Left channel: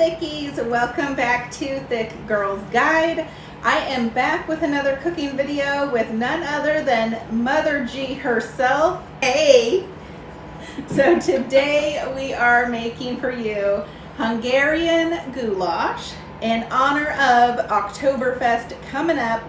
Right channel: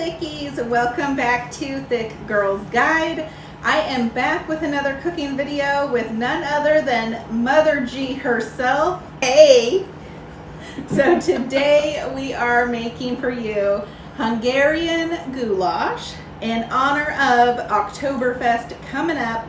Thickies, welcome back to Thick Girls Guide. I am back with another cooking video with none other than Mother G herself. Hey! So today we are making for you Hungarian goulash in honor of Oktoberfest coming up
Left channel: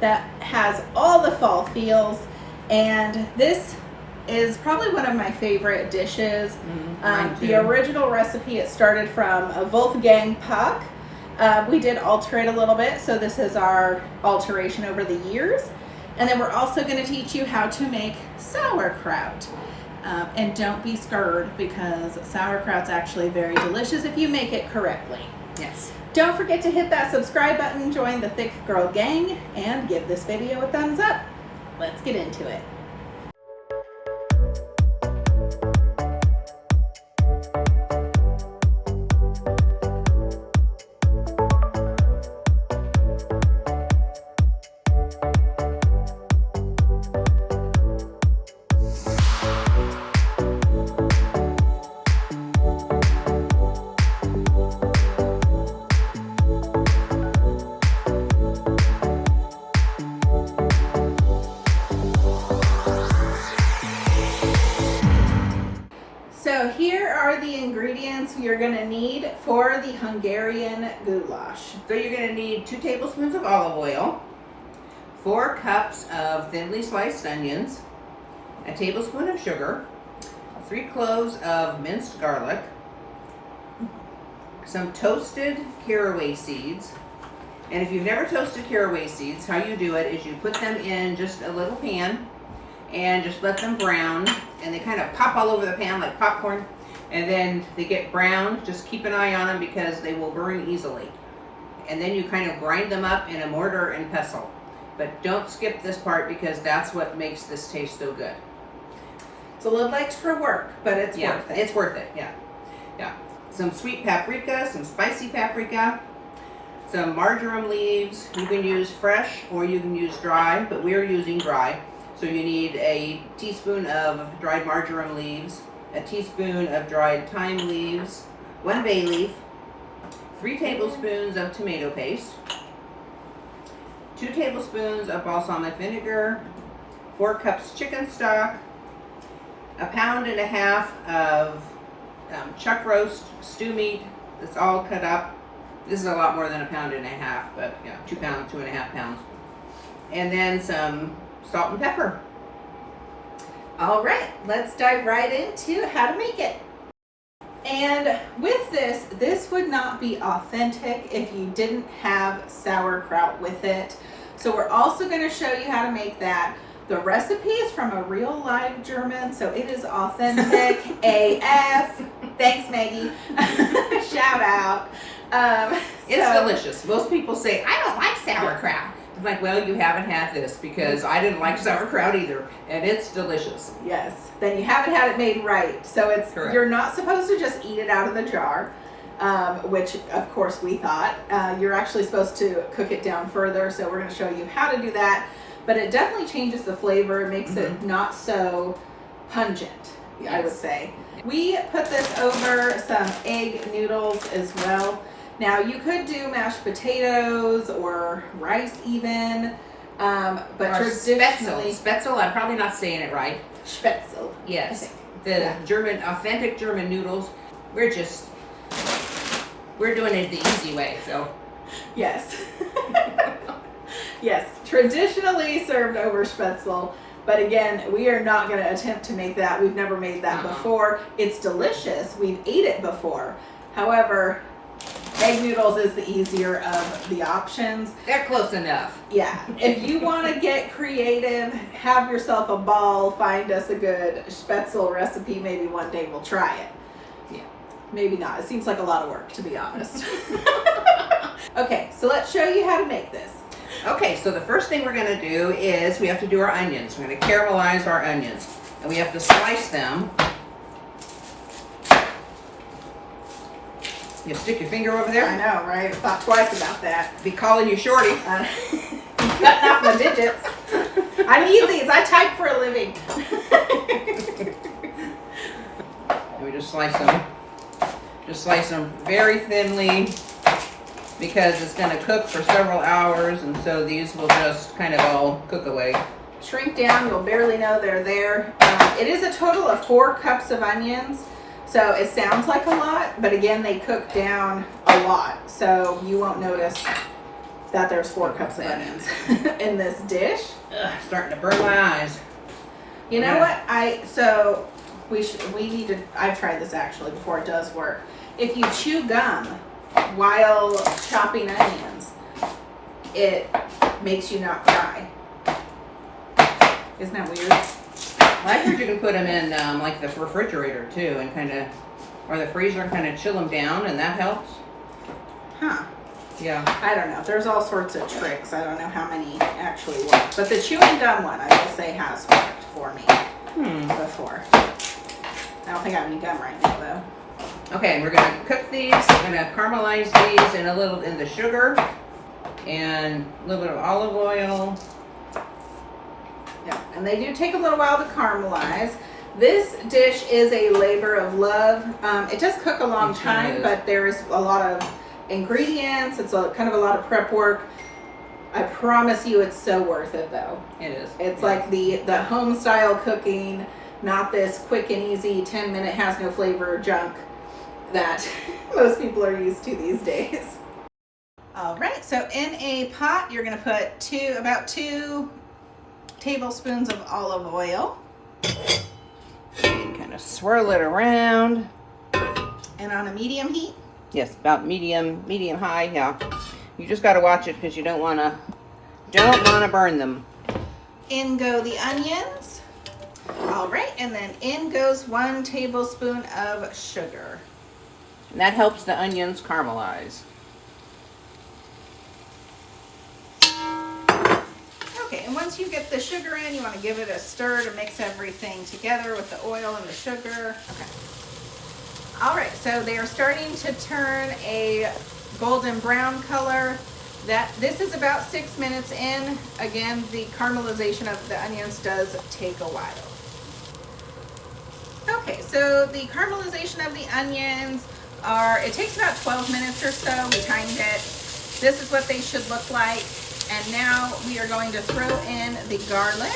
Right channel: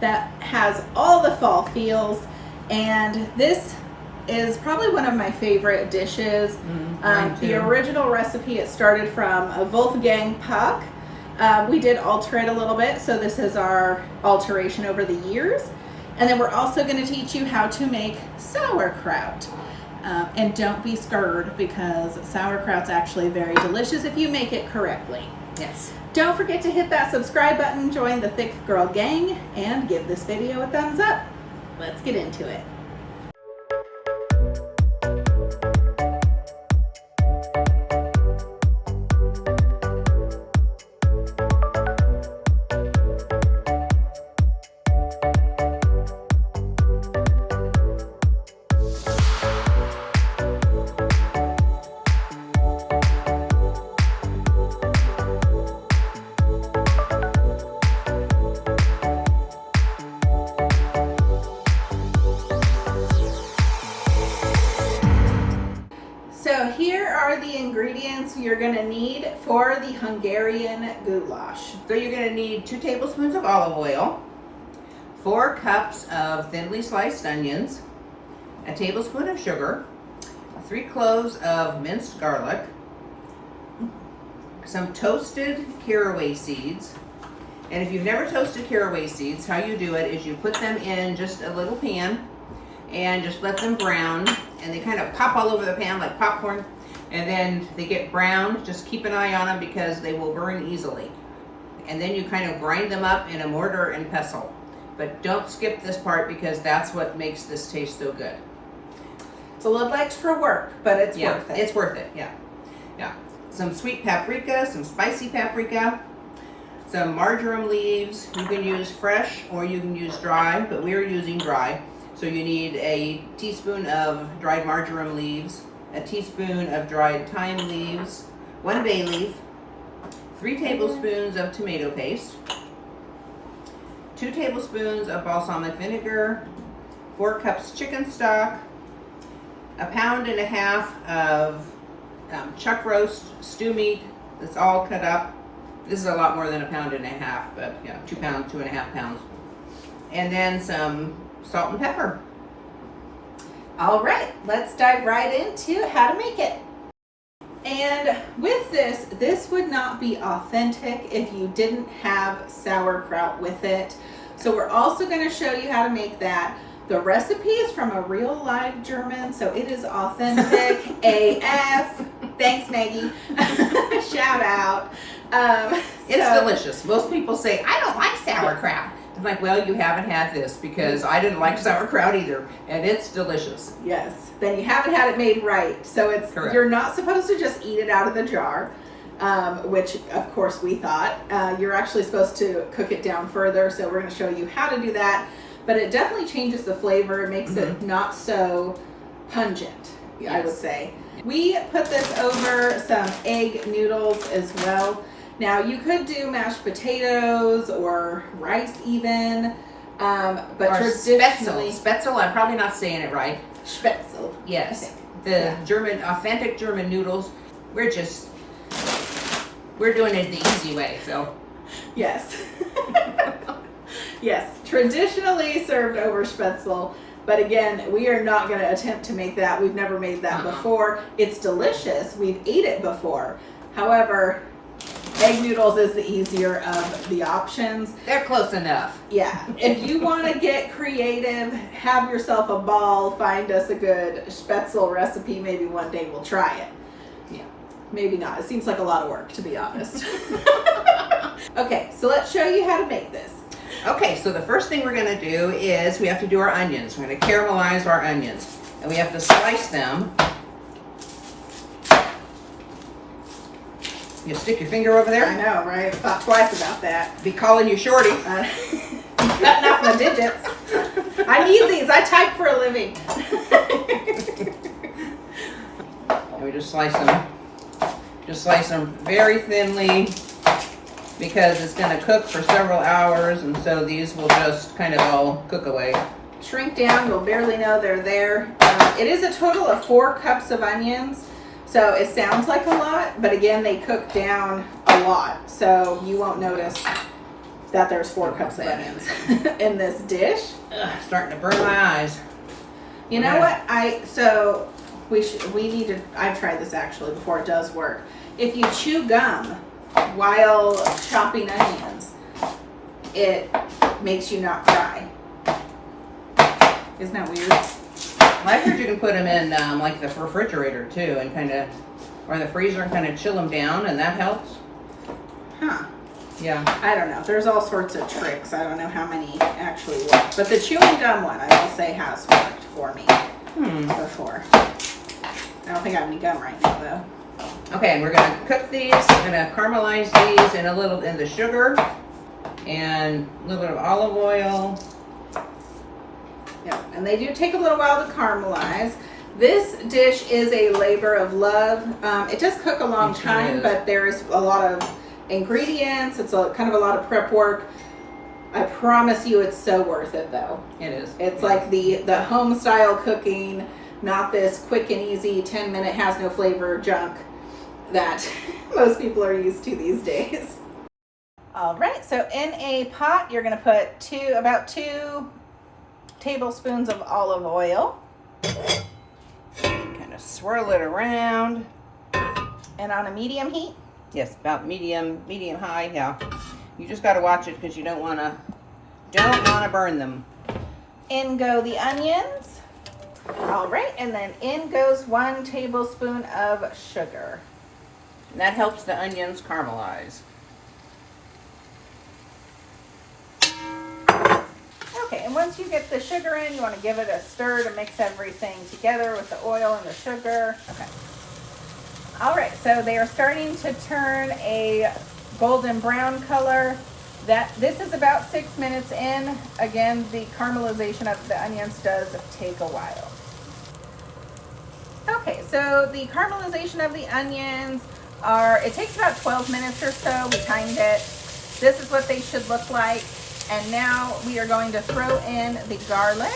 that has all the fall feels, and this is probably one of my favorite dishes. The original recipe, it started from a Wolfgang Puck. We did alter it a little bit, so this is our alteration over the years. And then we're also going to teach you how to make sauerkraut. And don't be scared, because sauerkraut's actually very delicious if you make it correctly. Yes. Don't forget to hit that subscribe button, join the Thick Girl gang, and give this video a thumbs up. Let's get into it. So here are the ingredients you're going to need for the Hungarian goulash. So you're going to need 2 tablespoons of olive oil, 4 cups of thinly sliced onions, a tablespoon of sugar, 3 cloves of minced garlic, some toasted caraway seeds. And if you've never toasted caraway seeds, how you do it is you put them in just a little pan and just let them brown, and they kind of pop all over the pan like popcorn, and then they get brown. Just keep an eye on them because they will burn easily. And then you kind of grind them up in a mortar and pestle. But don't skip this part because that's what makes this taste so good. It's a little extra work, but it's worth it. It's worth it, yeah. Some sweet paprika, some spicy paprika, some marjoram leaves. You can use fresh or you can use dry, but we're using dry. So you need a teaspoon of dried marjoram leaves, a teaspoon of dried thyme leaves, 1 bay leaf, 3 tablespoons of tomato paste, 2 tablespoons of balsamic vinegar, 4 cups chicken stock, 1.5 pounds of chuck roast stew meat that's all cut up. This is a lot more than 1.5 pounds, but yeah, 2 pounds, 2.5 pounds. And then some salt and pepper. All right, let's dive right into how to make it. And with this would not be authentic if you didn't have sauerkraut with it. So we're also going to show you how to make that. The recipe is from a real live German, so it is authentic AF. Thanks, Maggie. Shout out. It's delicious. Most people say, I don't like sauerkraut. I'm like, well, you haven't had this, because I didn't like sauerkraut either, and it's delicious. Yes. Then you haven't had it made right. So it's correct. You're not supposed to just eat it out of the jar, which of course we thought. You're actually supposed to cook it down further, so we're going to show you how to do that. But it definitely changes the flavor. It makes it not so pungent, I would say. We put this over some egg noodles as well. Now you could do mashed potatoes or rice even, but or traditionally... Spätzle, I'm probably not saying it right. Spätzle. Yes. The German, authentic German noodles, we're doing it the easy way, so. Yes. Yes, traditionally served over Spätzle, but again, we are not going to attempt to make that. We've never made that before. It's delicious. We've ate it before. However, egg noodles is the easier of the options. They're close enough. Yeah. If you want to get creative, have yourself a ball, find us a good Spätzle recipe. Maybe one day we'll try it. Yeah. Maybe not. It seems like a lot of work, to be honest. Okay, so let's show you how to make this. Okay, so the first thing we're going to do is we have to do our onions. We're going to caramelize our onions, and we have to slice them. You stick your finger over there? I know, right? I thought twice about that. Be calling you Shorty. Cutting off my digits. I need these. I type for a living. And we just slice them Just slice them very thinly because it's going to cook for several hours, and so these will just kind of all cook away. Shrink down, you'll barely know they're there. It is a total of 4 cups of onions, so it sounds like a lot, but again, they cook down a lot, so you won't notice that there's 4 cups of onions in this dish. Ugh, starting to burn my eyes. You know what? We need to, I've tried this actually before, it does work. If you chew gum while chopping onions, it makes you not cry. Isn't that weird? Well, I heard you can put them in like the refrigerator too, and kind of, or the freezer, and kind of chill them down, and that helps. Huh. Yeah. I don't know. There's all sorts of tricks. I don't know how many actually work. But the chewing gum one, I will say, has worked for me before. I don't think I have any gum right now, though. Okay, we're going to cook these. We're going to caramelize these in the sugar and a little bit of olive oil. Yeah, and they do take a little while to caramelize. This dish is a labor of love. It does cook a long time, but there's a lot of ingredients. It's kind of a lot of prep work. I promise you it's so worth it, though. It is. It's like the home style cooking, not this quick and easy 10-minute has no flavor junk that most people are used to these days. All right, so in a pot, you're going to put about 2 tablespoons of olive oil. Kind of swirl it around. And on a medium heat? Yes, about medium high, yeah. You just got to watch it because you don't want to burn them. In go the onions. All right, and then in goes 1 tablespoon of sugar. And that helps the onions caramelize. Okay, and once you get the sugar in, you want to give it a stir to mix everything together with the oil and the sugar. Okay. All right, so they are starting to turn a golden brown color. This is about 6 minutes in. Again, the caramelization of the onions does take a while. Okay, so the caramelization of the onions it takes about 12 minutes or so. We timed it. This is what they should look like. And now we are going to throw in the garlic.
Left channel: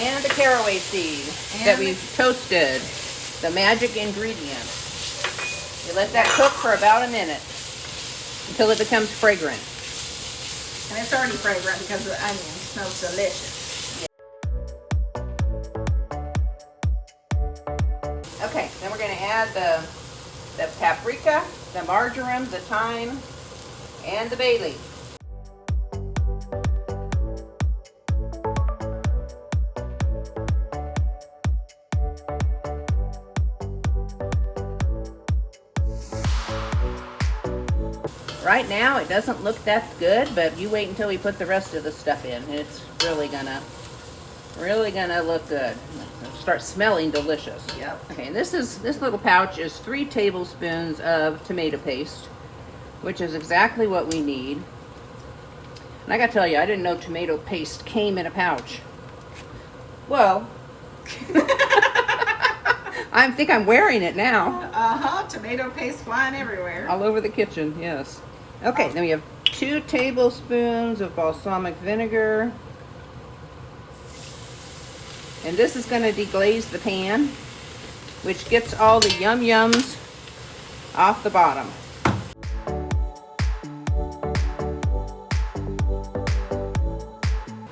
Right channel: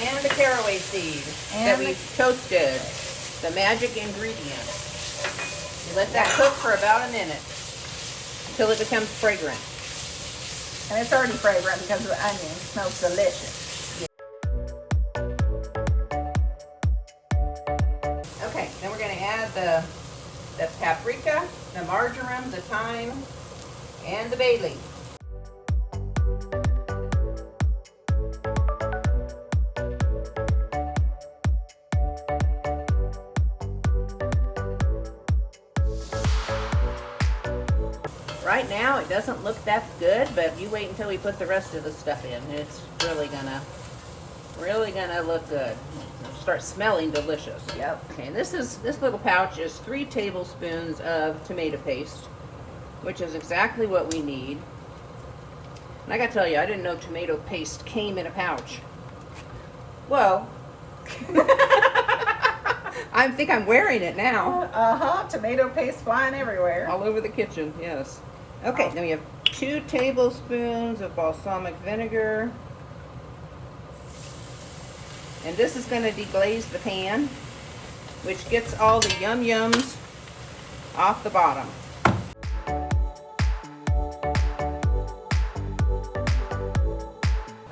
And the caraway seed that we toasted. The magic ingredient. You let that cook for about a minute until it becomes fragrant. And it's already fragrant because the onion smells delicious. Okay, then we're going to add the paprika, the marjoram, the thyme, and the bay leaf. Right now it doesn't look that good, but you wait until we put the rest of the stuff in. It's really gonna look good. It'll start smelling delicious. Yep. Okay, this little pouch is 3 tablespoons of tomato paste, which is exactly what we need. And I gotta tell you, I didn't know tomato paste came in a pouch. Well, I think I'm wearing it now. Tomato paste flying everywhere. All over the kitchen, yes. Okay, then we have 2 tablespoons of balsamic vinegar. And this is going to deglaze the pan, which gets all the yum-yums off the bottom.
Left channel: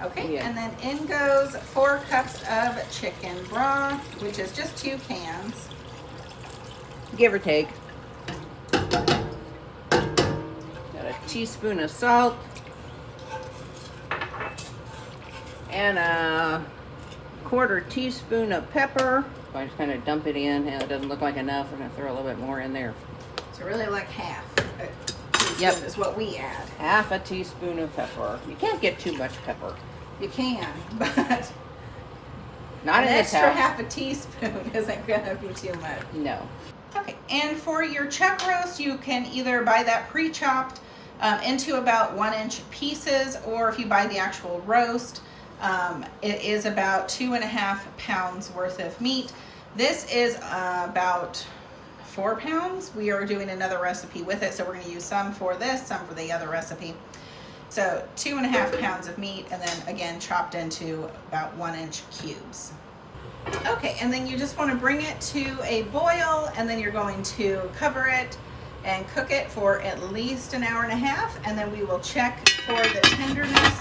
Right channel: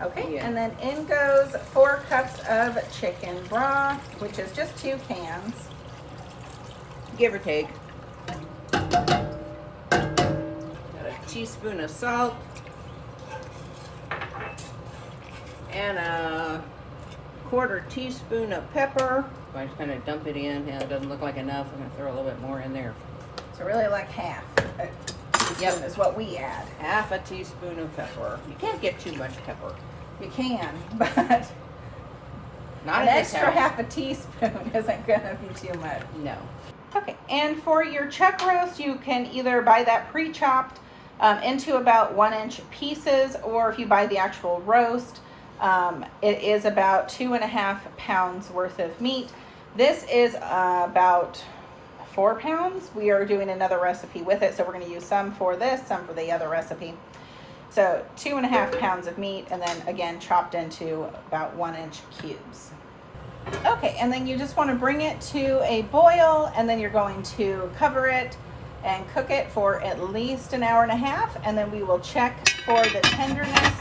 Okay, and then in goes 4 cups of chicken broth, which is just 2 cans. Give or take. Got a teaspoon of salt. And a 1/4 teaspoon of pepper. I just kind of dump it in, and it doesn't look like enough. We're going to throw a little bit more in there. So really like half a teaspoon is what we add. 1/2 teaspoon of pepper. You can't get too much pepper. You can, but Not an in this extra house. 1/2 teaspoon isn't going to be too much. No. Okay, and for your chuck roast, you can either buy that pre-chopped into about 1-inch pieces, or if you buy the actual roast, it is about 2.5 pounds worth of meat. This is about 4 pounds. We are doing another recipe with it, so we're going to use some for this, some for the other recipe. So 2.5 pounds of meat, and then again chopped into about 1-inch cubes. Okay, and then you just want to bring it to a boil, and then you're going to cover it and cook it for at least an hour and a half, and then we will check for the tenderness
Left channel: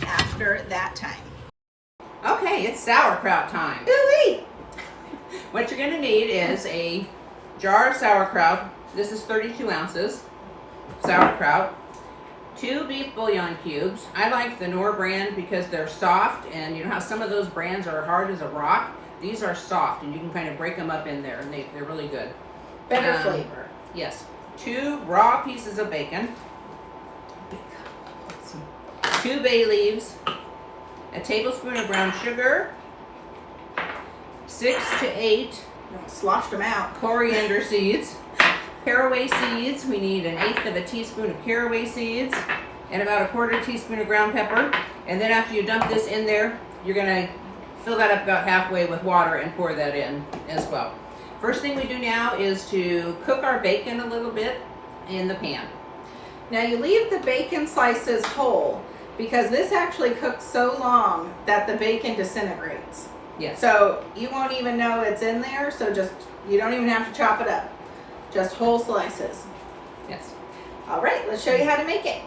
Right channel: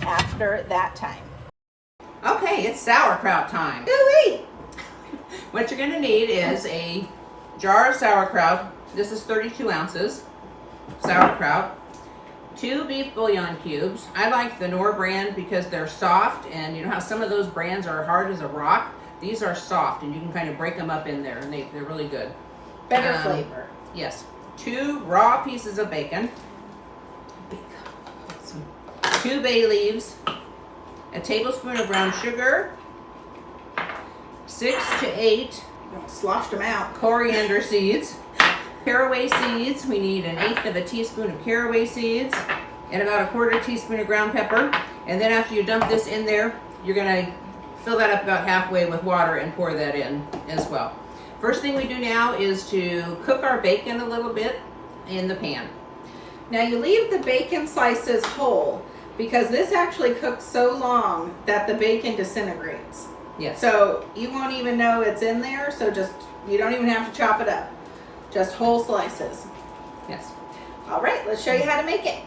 after that time. Okay, it's sauerkraut time. Ooh-wee! What you're going to need is a jar of sauerkraut. This is 32 ounces sauerkraut. 2 beef bouillon cubes. I like the Knorr brand because they're soft, and you know how some of those brands are hard as a rock? These are soft, and you can kind of break them up in there, and they're really good. Better flavor. Yes. 2 raw pieces of bacon. 2 bay leaves. A tablespoon of brown sugar. 6 to 8 Sloshed them out. coriander seeds. Caraway seeds, we need 1/8 of a teaspoon of caraway seeds and about 1/4 teaspoon of ground pepper. And then after you dump this in there, you're gonna fill that up about halfway with water and pour that in as well. First thing we do now is to cook our bacon a little bit in the pan. Now you leave the bacon slices whole because this actually cooks so long that the bacon disintegrates. Yes. So you won't even know it's in there, so you don't even have to chop it up. Just whole slices. Yes. All right, let's show you how to make it.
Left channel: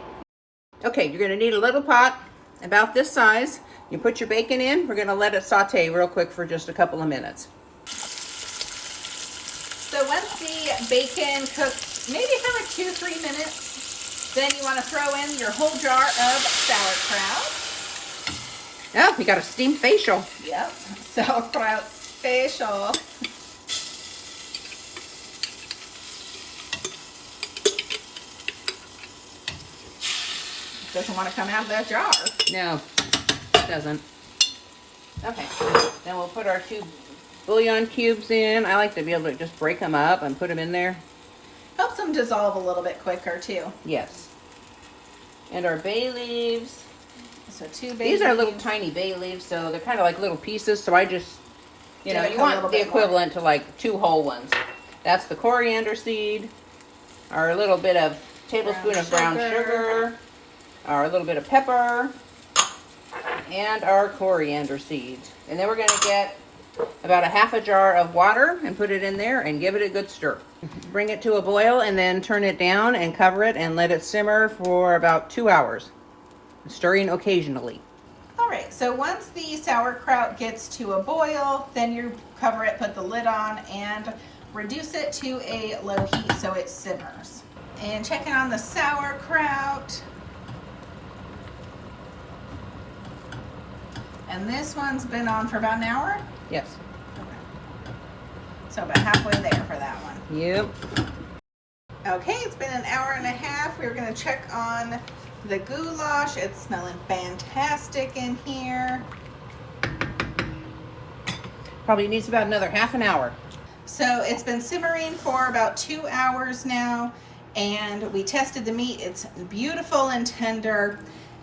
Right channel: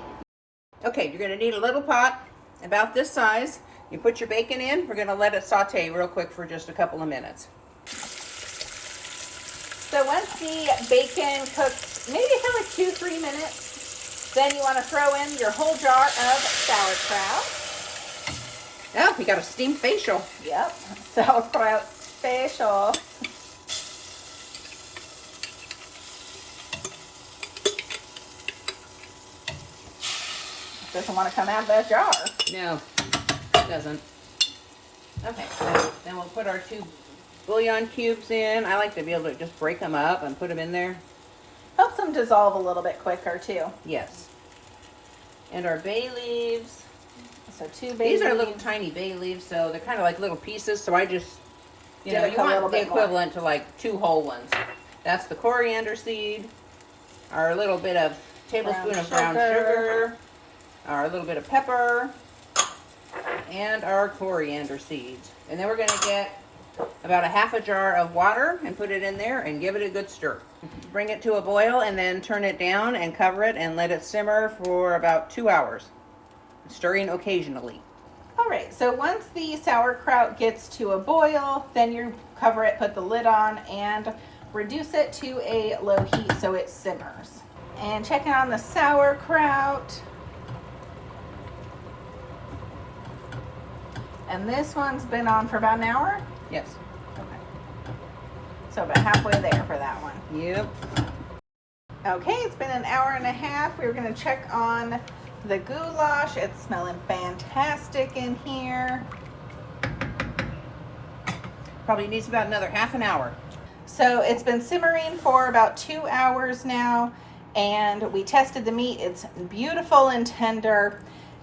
Okay, you're gonna need a little pot about this size. You put your bacon in. We're gonna let it saute real quick for just a couple of minutes. So once the bacon cooks, maybe for like 2-3 minutes, then you want to throw in your whole jar of sauerkraut. Oh, we got a steamed facial. Yep, sauerkraut special. Doesn't want to come out of that jar. No, it doesn't. Okay, then we'll put our 2 bouillon cubes in. I like to be able to just break them up and put them in there. Helps them dissolve a little bit quicker too. Yes. And our bay leaves. So 2 bay leaves. These are little tiny bay leaves, so they're kind of like little pieces. So I just, you know, you want the equivalent to like 2 whole ones. That's the coriander seed, our little bit of tablespoon of brown sugar, our little bit of pepper, and our coriander seeds. And then we're going to get about 1/2 jar of water and put it in there and give it a good stir. Bring it to a boil and then turn it down and cover it and let it simmer for about 2 hours, stirring occasionally. All right, so once the sauerkraut gets to a boil, then you cover it, put the lid on, and reduce it to a low heat so it simmers. And checking on the sauerkraut. And this one's been on for about an hour? Yes. Okay. So about halfway there for that one. Yep. Okay, it's been an hour and a half. We're gonna check on the goulash. It's smelling fantastic in here. Probably needs about another half an hour. So it's been simmering for about 2 hours now, and we tested the meat. It's beautiful and tender.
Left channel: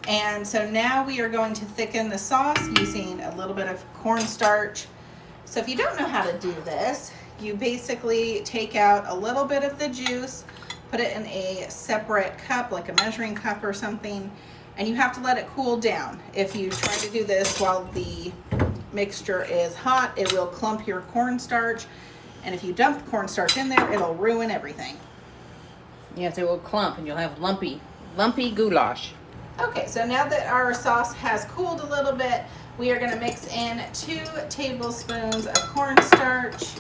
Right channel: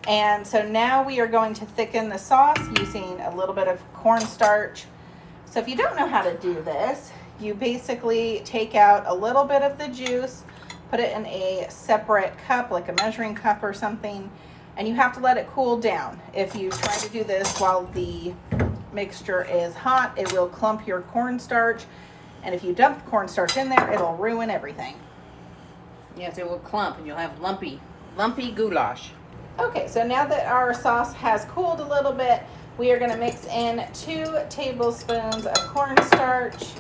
And so now we are going to thicken the sauce using a little bit of cornstarch. So if you don't know how to do this, you basically take out a little bit of the juice, put it in a separate cup, like a measuring cup or something, and you have to let it cool down. If you try to do this while the mixture is hot, it will clump your cornstarch. And if you dump the cornstarch in there, it'll ruin everything. Yes, it will clump and you'll have lumpy goulash. Okay, so now that our sauce has cooled a little bit, we are going to mix in 2 tablespoons of cornstarch.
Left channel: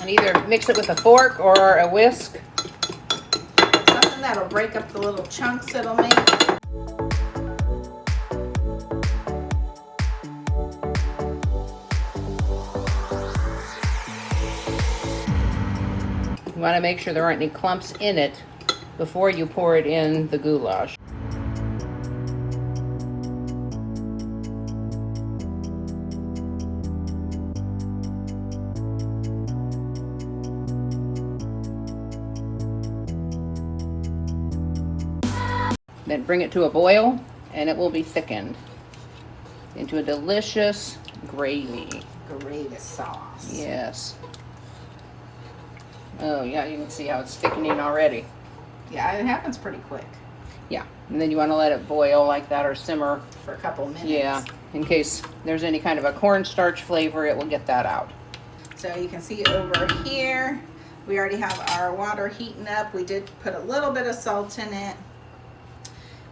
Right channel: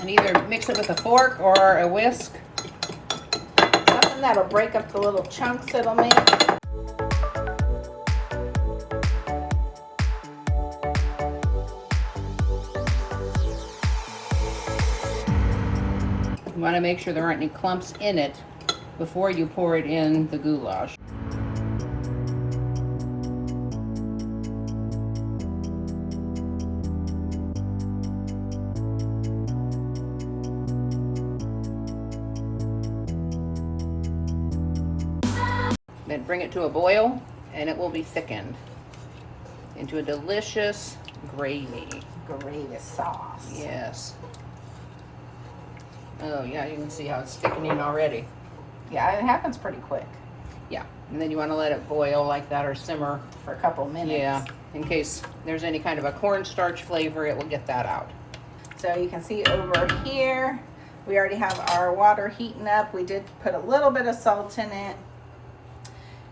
And either mix it with a fork or a whisk. Something that'll break up the little chunks it'll make. You want to make sure there aren't any clumps in it before you pour it in the goulash. Then bring it to a boil and it will be thickened into a delicious gravy. gravy sauce. Yes. Oh yeah, you can see how it's thickening already. Yeah, it happens pretty quick. Yeah, and then you want to let it boil like that or simmer for a couple minutes. Yeah, in case there's any kind of a cornstarch flavor, it will get that out. So you can see over here, we already have our water heating up. We did put a little bit of salt in it.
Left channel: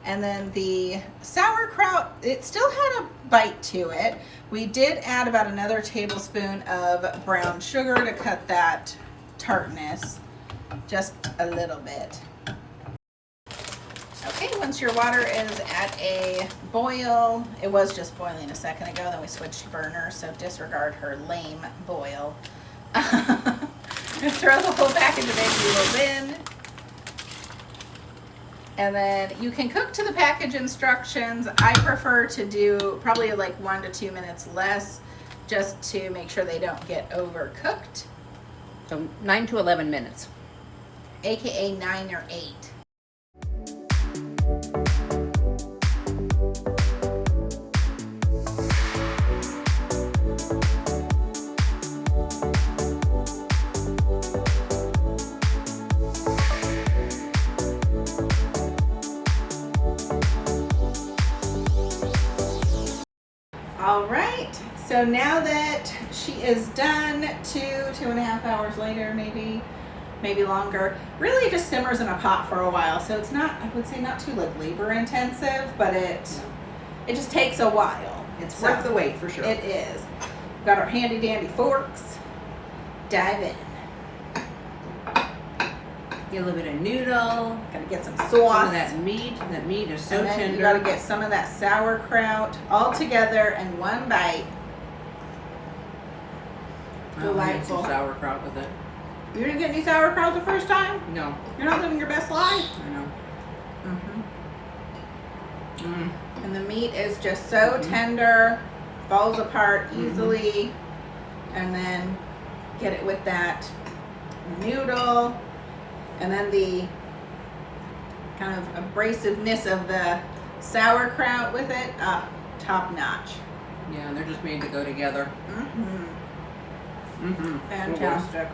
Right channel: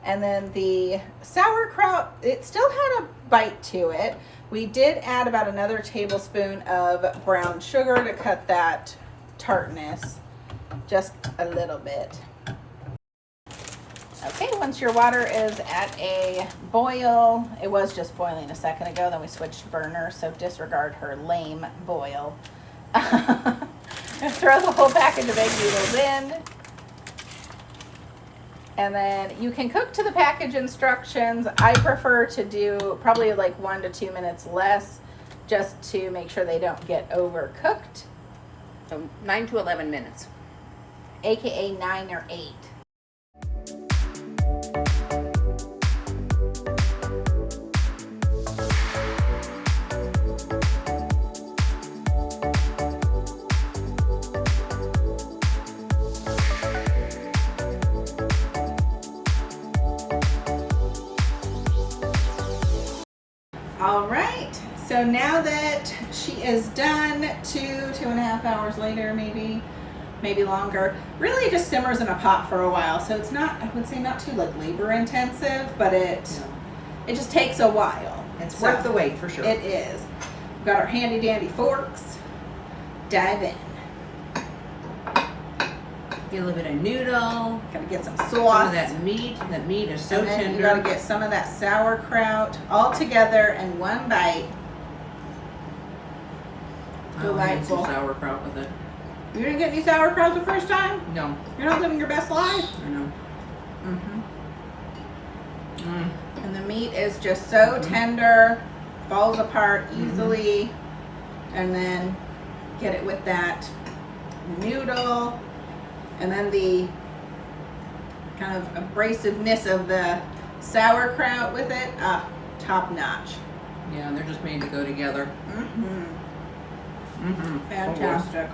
And then the sauerkraut, it still had a bite to it. We did add about another tablespoon of brown sugar to cut that tartness just a little bit. Okay, once your water is at a boil, it was just boiling a second ago, then we switched to burner, so disregard her lame boil. Throw the whole package of egg noodles in. And then you can cook to the package instructions. I prefer to do probably like 1 to 2 minutes less, just to make sure they don't get overcooked. So 9 to 11 minutes. AKA 9 or 8. All right, so now that she is done, 2.5 hours later, maybe longer, really it just simmers in a pot for a while. So it's not, I would say not too like labor intensive, but it just takes a while. It's worth the wait for sure. It is. We've got our handy dandy forks. Dive in. Get a little bit of noodle. Gotta get some sauce. Some of that meat. That meat is so and then tender. You gotta get some of that sauerkraut all together in one bite. Delightful. Sauerkraut with it. You didn't get any sauerkraut the first time? No. You're not living your best life. I know. And the meat is just so tender, falls apart easily. And then get it with that noodle. And then the kind of abrasiveness of the sauerkraut with it, top notch. Yeah, they're just made to go together. Fantastic.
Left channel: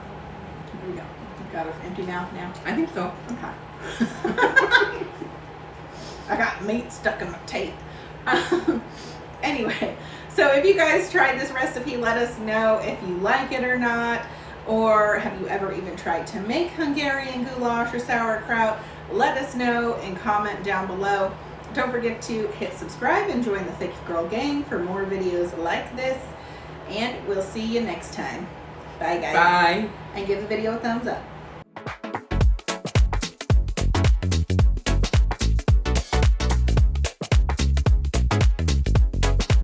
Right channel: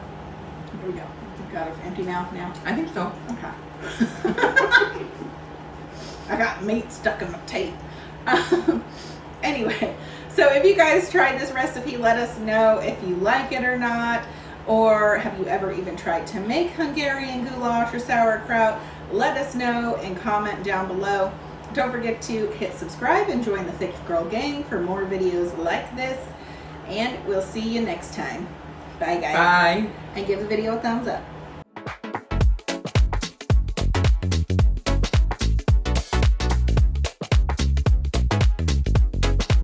Here we go. You've got an empty mouth now? I think so. Okay. I got meat stuck in my teeth. Anyway, so if you guys tried this recipe, let us know if you like it or not. Or have you ever even tried to make Hungarian goulash or sauerkraut? Let us know and comment down below. Don't forget to hit subscribe and join the Thick Girl gang for more videos like this. And we'll see you next time. Bye, guys. Bye. And give the video a thumbs up.